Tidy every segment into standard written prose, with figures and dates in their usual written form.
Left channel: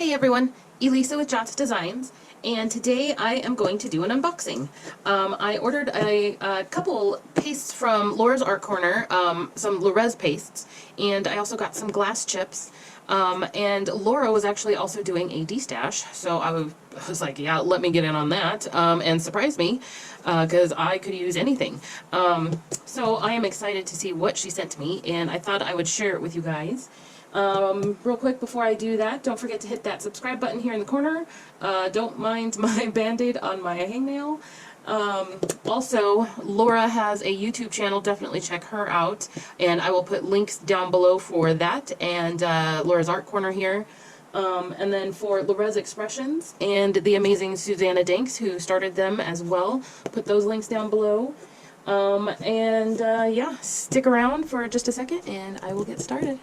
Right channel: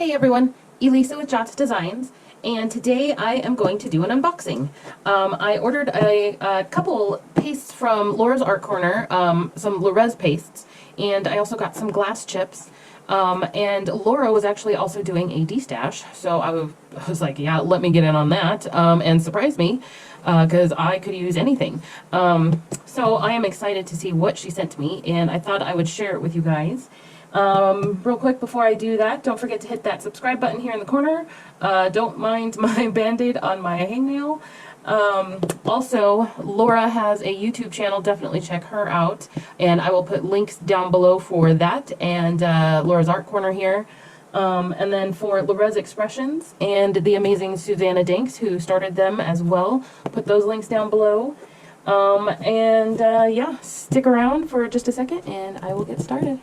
Hey everyone, Elisa with Jots Designs, and today I am going to do an unboxing. I ordered a couple pastes from Laura's Art Corner, some Lorez pastes, and I also got some glass chips. And Laura was actually also doing a destash, so I was like, yeah, let me get in on that, and surprise me, because I could use anything. So I am excited to see what she sent me, and I thought I would share it with you guys. Real quick before I do that, don't forget to hit that subscribe button here in the corner. Don't mind my band-aid on my hangnail. Also, Laura has a YouTube channel, definitely check her out, and I will put links down below for that and Laura's Art Corner here. And then for Lorez Expressions and the amazing Susanna Danks, who started them as well, put those links down below. Yeah, stick around for just a second and I will get started.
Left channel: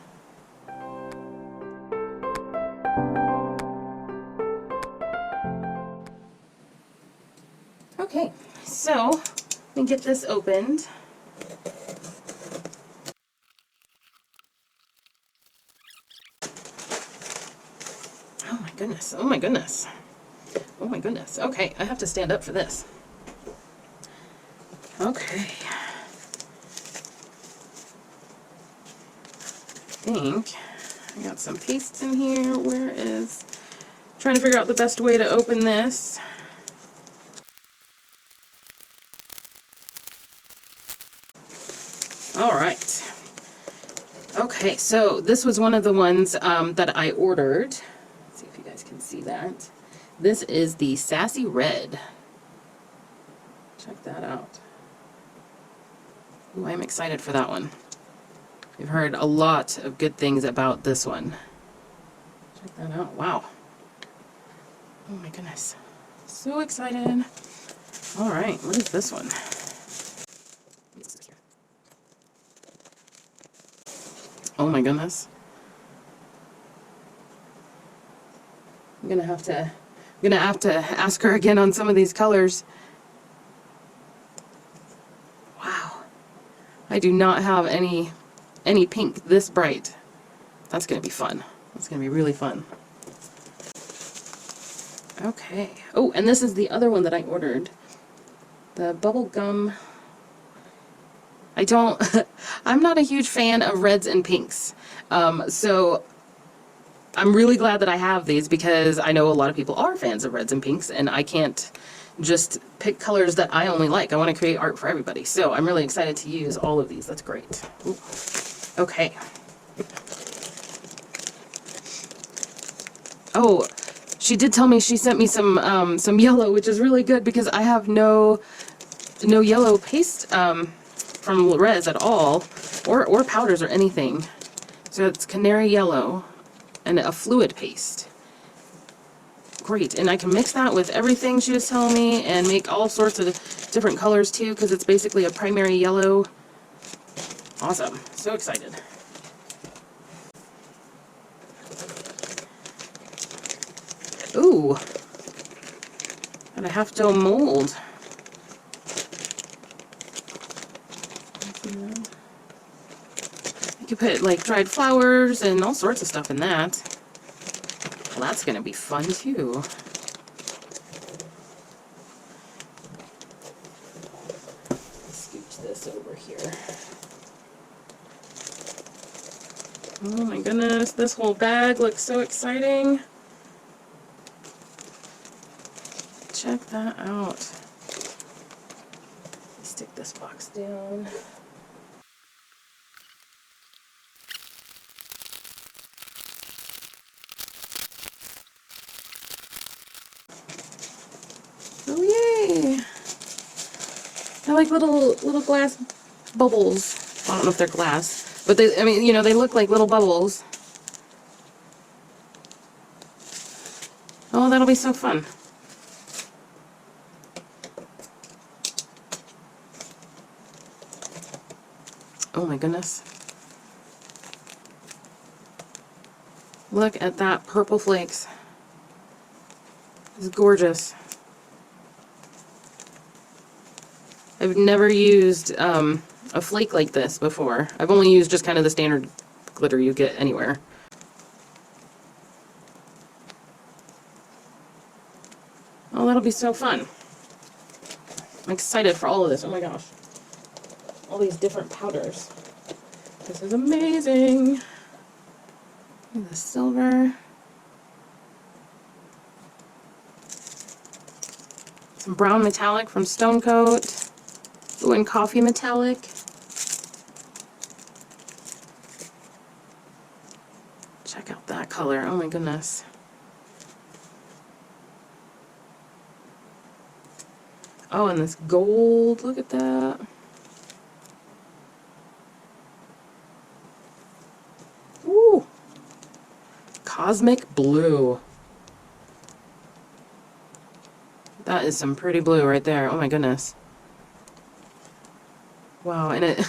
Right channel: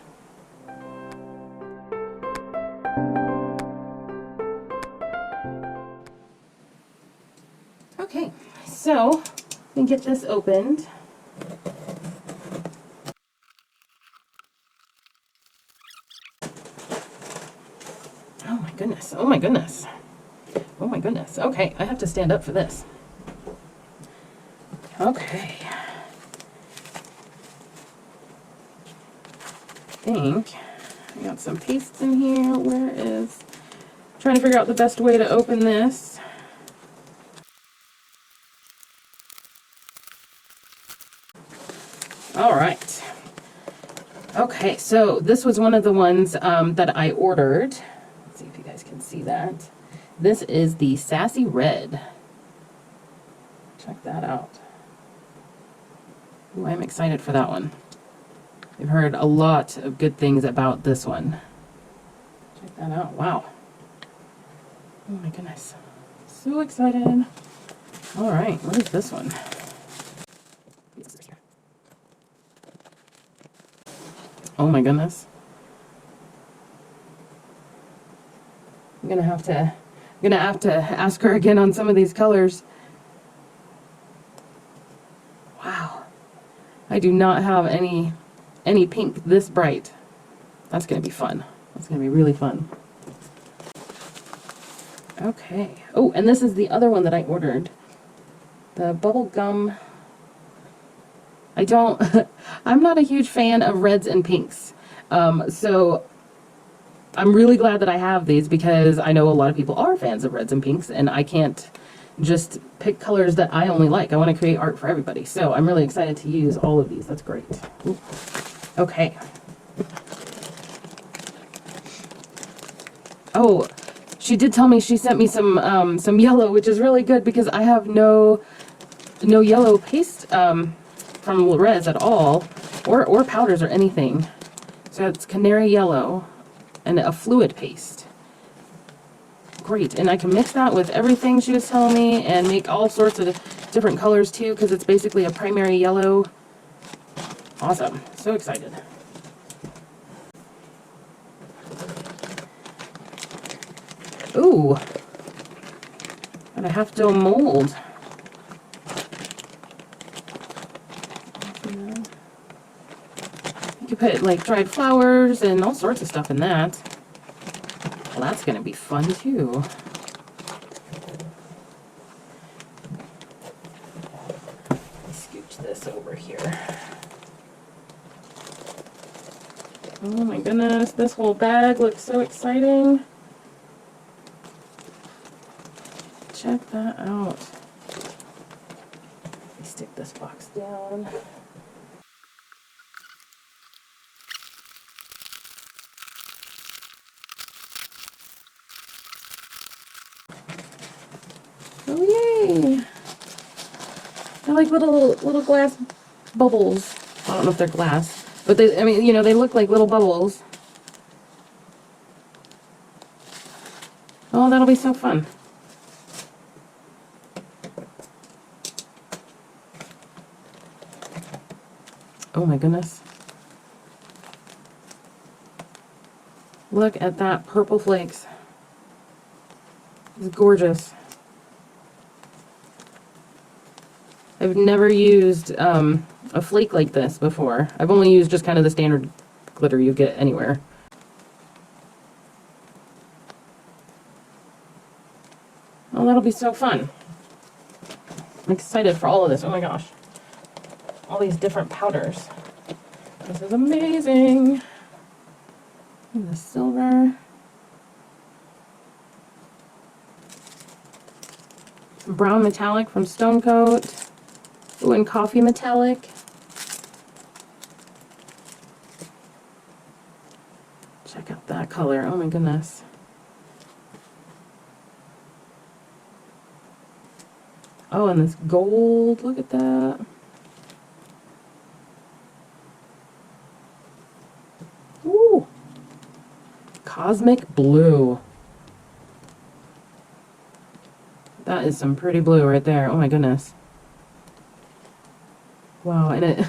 Okay, so let me get this opened. Oh my goodness, oh my goodness, oh my goodness. Okay, I have to stand up for this. Okay. I think I got some pastes in here. Where is... trying to figure out the best way to open this. All right. Okay, so this was one of the ones that I ordered. Let's see if you guys can see that. This is the Sassy Red. Check that out. Ooh, I'm excited for that one. I've heard a lot of good things about this one. Check that out. Wow. Oh my goodness. So excited. All right, what is this one? Oh my goodness. I'm gonna have to ask her again on some of these colors. Wow. I do not have any pink this bright. That's gonna be fun. That's gonna be really fun. Okay. Oh, and this is the other one that I ordered. The bubble gum. I'm not a huge fan of reds and pinks. So I'm really glad that I have these because I know a lot of people are fans of reds and pinks and I can't just pick colors that I only like. I want to create art for everybody. So I'm really excited to use all of these. That's great. Ooh. Okay. Oh, she did tell me she sent me some yellow, which is really good because I have no yellow paste from Lorez at all, or powders or anything. So it's canary yellow and a fluid paste. Great, and I can mix that with everything she was telling me and make all sorts of different colors too because it's basically a primary yellow. Awesome, so excited. Ooh, got a half dome mold. You could put like dried flowers and all sorts of stuff in that. Well, that's gonna be fun too. Scooch this over here. Oh my goodness, this whole bag looks so exciting. Check that out. Let me stick this box down. Oh yay! They're like little glass bubbles. I don't know if they're glass, but I mean, you know, they look like little bubbles. Oh, that'll be so fun. Oh my goodness. Look at that purple flakes. It's gorgeous. I've never used a flake like this before. I've only used just kind of the standard glitter you get anywhere. Oh, that'll be so fun. I'm excited for all of this. Oh my gosh. All these different powders. This is amazing. The silver. Some brown metallic from Stone Coat. Ooh, and coffee metallic. Check out that color. Oh my goodness. Oh, and this gold. Look at that. Ooh. Cosmic blue. That is some pretty blue right there. Oh my goodness. Wow, and it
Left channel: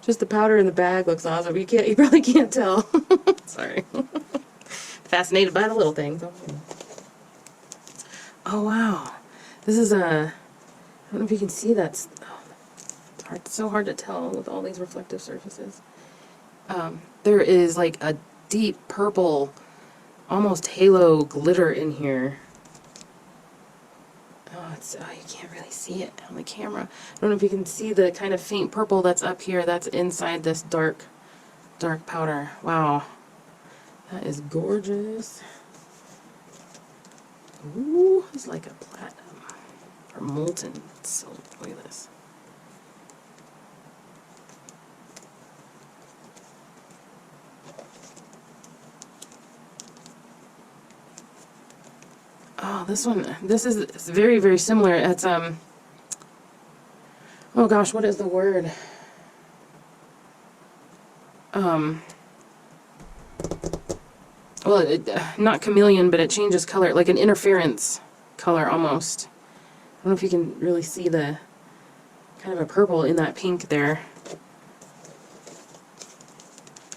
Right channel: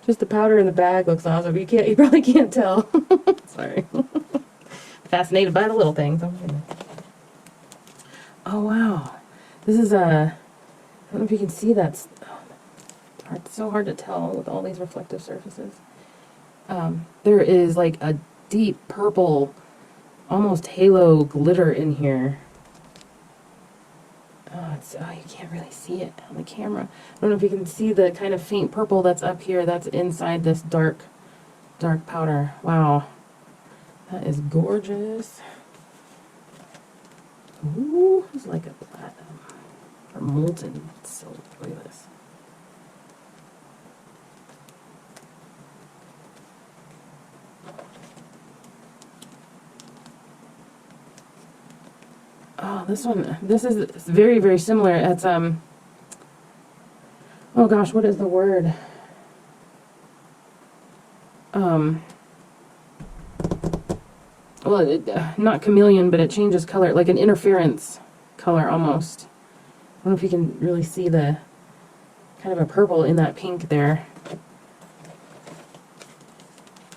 just the powder in the bag looks awesome. You probably can't tell. Sorry. Fascinated by the little things. Oh wow. This is I don't know if you can see that's it's so hard to tell with all these reflective surfaces. There is like a deep purple, almost halo glitter in here. Oh, you can't really see it on the camera. I don't know if you can see the kind of faint purple that's up here. That's inside this dark powder. Wow. That is gorgeous. Ooh, it's like a platinum or molten silver. Look at this. Oh, this is very, very similar. It's, oh gosh, what is the word? Well, not chameleon, but it changes color, like an interference color almost. I don't know if you can really see the kind of a purple in that pink there.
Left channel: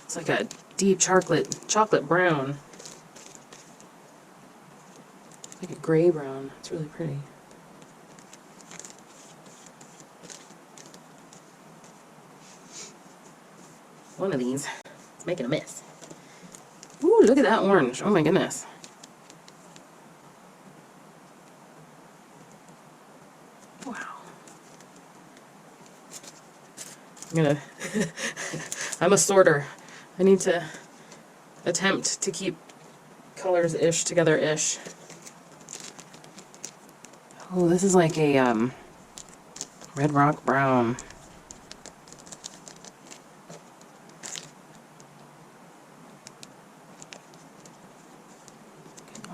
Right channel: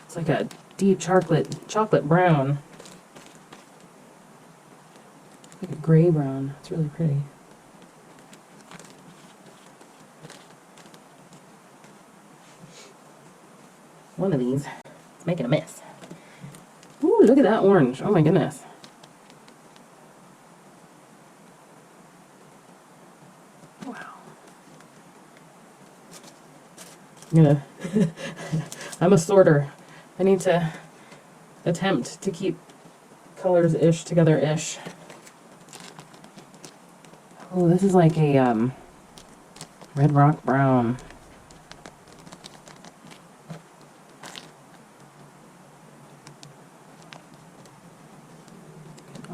It's like a deep chocolate brown. Like a gray brown. It's really pretty. One of these is making a mess. Ooh, look at that orange. Oh my goodness. Wow. I'm a sorter. I need to attempt to keep colors-ish together-ish. Oh, this is like a red rock brown.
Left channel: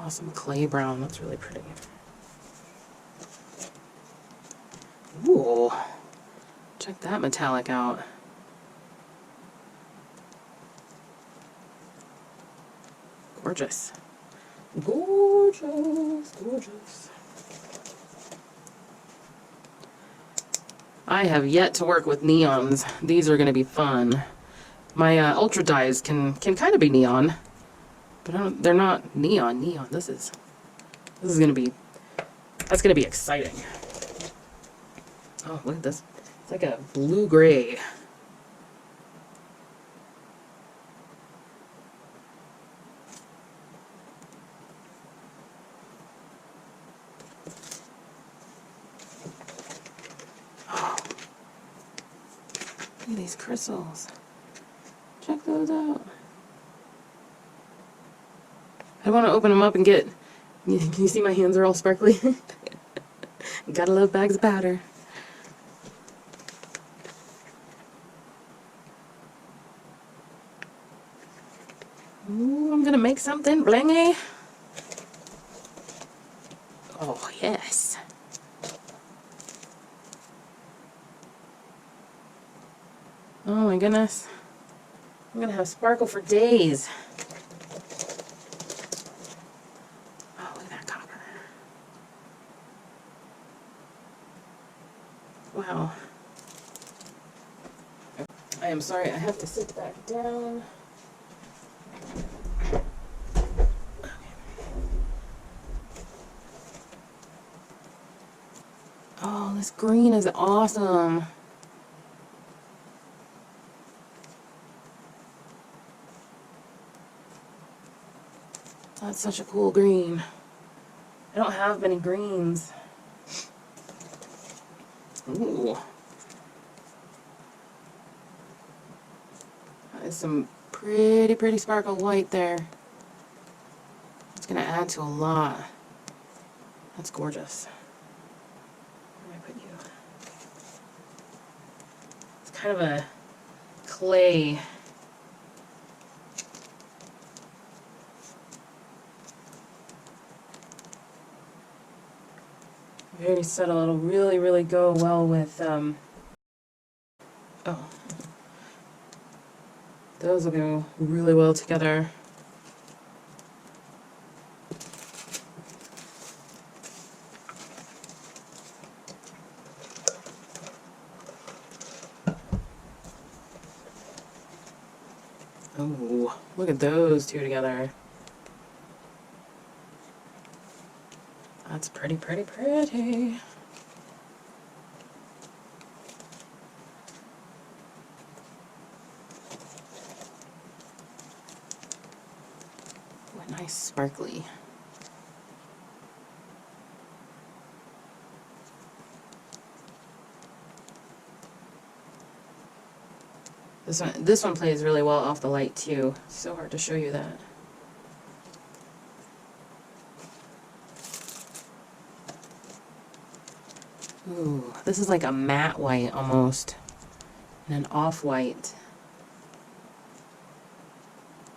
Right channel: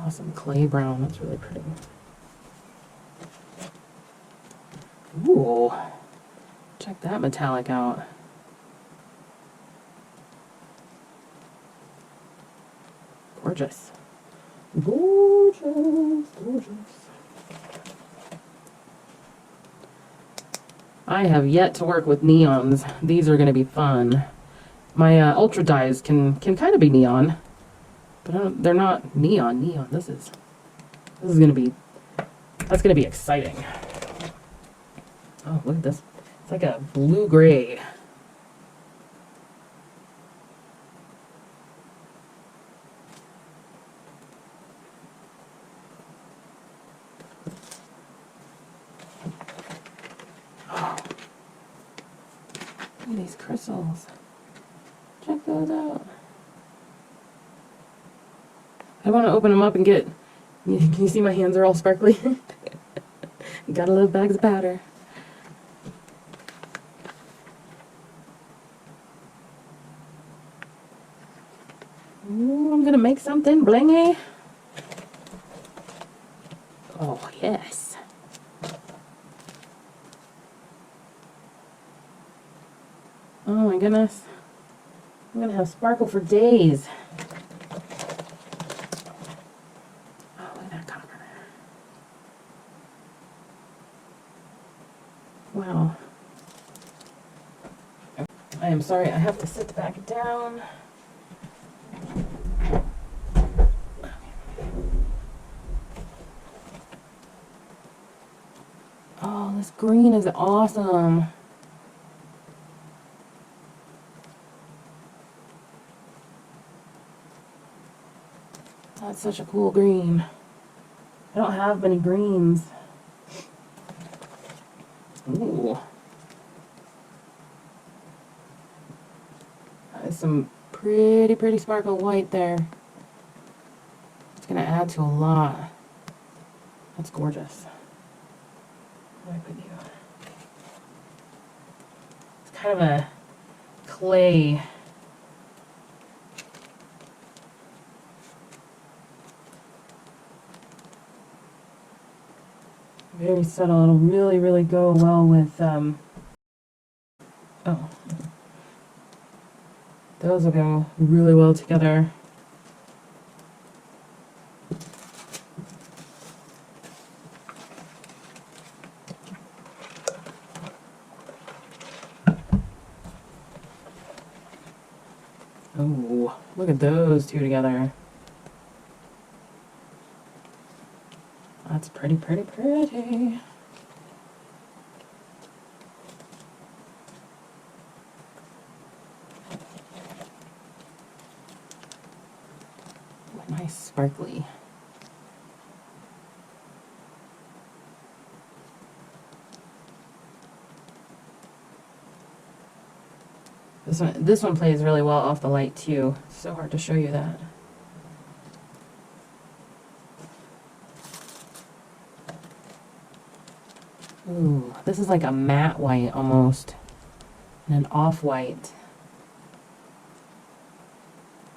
Awesome clay brown. That's really pretty. Ooh, check that metallic out. Gorgeous. Gorgeous, gorgeous. I have yet to work with neons. These are going to be fun. My ultra dyes can kind of be neon, but they're not neon. This is going to be, that's going to be exciting. Oh, look at this. It's like a blue-gray. Oh, look at these crystals. Check those out. I want to open them up and get, can you see my hands are all sparkly? Gotta love bags of powder. Ooh, I'm gonna make something blingy. Oh, yes. Oh my goodness. I'm gonna have sparkle for days. Oh, look at that copper. Wow. I am sorry, I have to sit back down. Oh, this green is awesome. That's such a cool green. I don't have many greens. Ooh. That is some pretty sparkle white there. It's gonna add to a lot. That's gorgeous. Where could you? It's kind of a clay. Very subtle. It'll really go well with oh. Those will go really well together. Oh, look at those two together. That's pretty. Nice sparkly. This one plays really well off the light too. It's so hard to show you that. Ooh, this is like a matte white almost, and an off-white.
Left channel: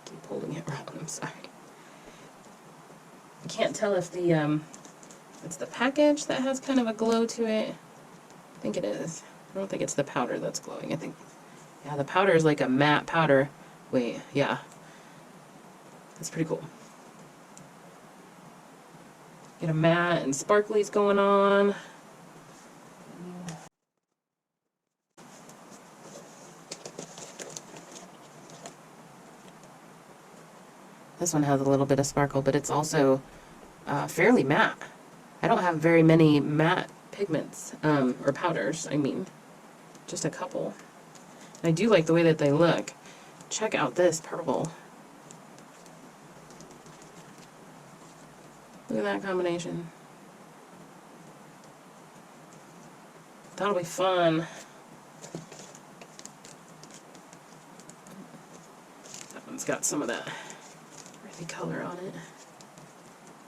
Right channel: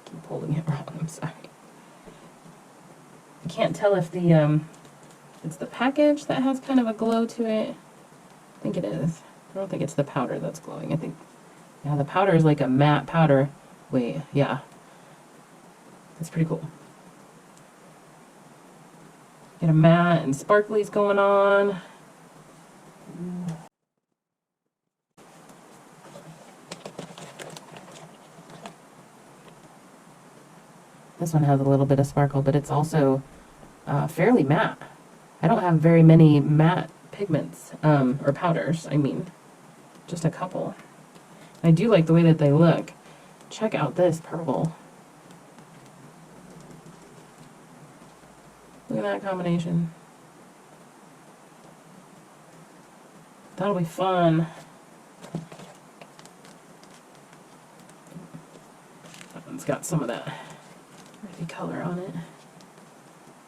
Keep holding it wrong, I'm sorry. I can't tell if it's the package that has kind of a glow to it. I think it is. I don't think it's the powder that's glowing. I think, yeah, the powder is like a matte powder. Wait, yeah. It's pretty cool. Get a matte and sparklies going on. This one has a little bit of sparkle, but it's also fairly matte. I don't have very many matte pigments, or powders, I mean. Just a couple. I do like the way that they look. Check out this purple. Look at that combination. That'll be fun. That one's got some of that earthy color on it.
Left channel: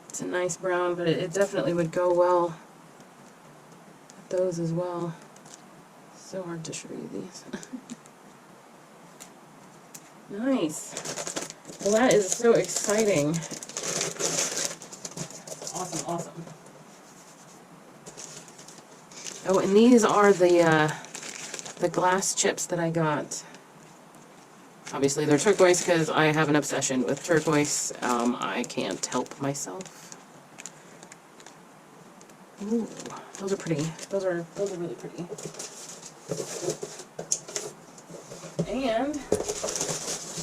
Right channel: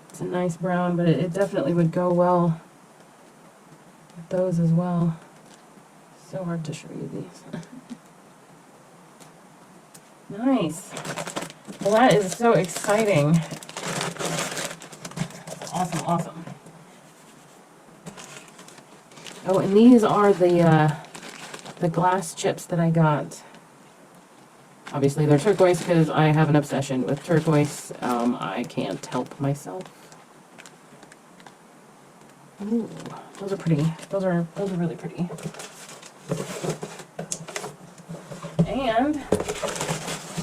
It's a nice brown, but it definitely would go well with those as well. So hard to show you these. Nice. Well, that is so exciting. Awesome. Oh, and these are the glass chips that I got. Obviously, they're turquoise because I have an obsession with turquoise. I can't help myself. Ooh, those are pretty. Those are really pretty. And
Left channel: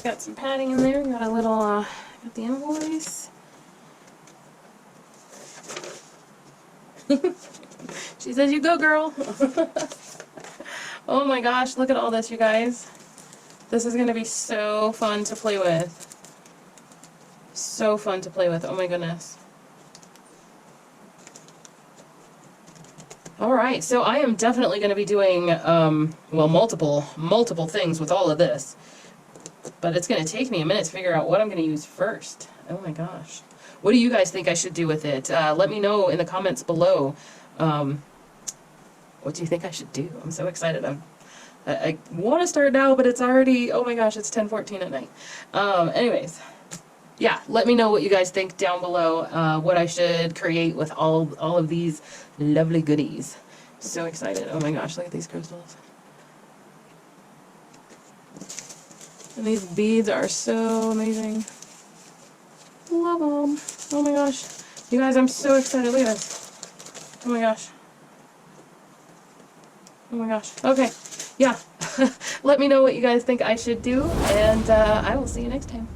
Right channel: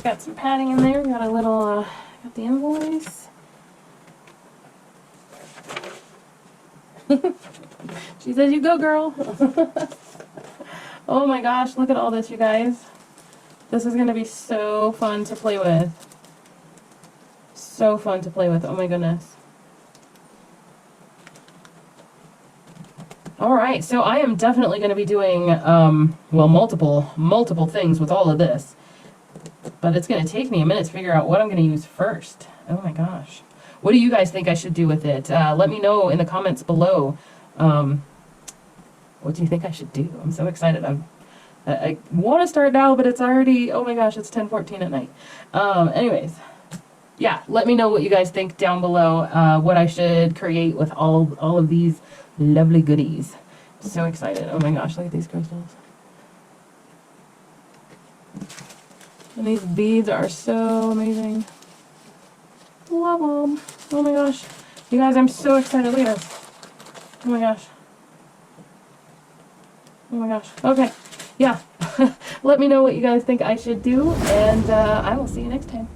got some padding in there. Got a little. Got the invoice. She says, "You go, girl." Oh my gosh! Look at all this, you guys. This is going to be so fun to play with. So fun to play with. Oh my goodness. Alright, so I am definitely going to be doing, well, multiple things with all of this. But it's going to take me a minute to figure out what I'm going to use first. Oh my gosh. What do you guys think I should do with it? Let me know in the comments below. What do you think I should do? I'm so excited. I want to start now, but it's already, oh my gosh, it's 10:14 at night. Anyways, yeah, let me know what you guys think down below, what I should create with all of these lovely goodies. So excited. Oh my gosh, look at these crystals. And these beads are so amazing. Love them. Oh my gosh. You guys, I'm so excited. Look at this. Oh my gosh. Oh my gosh. Okay. Yeah. Let me know what you guys think I should do, and I will see you next time.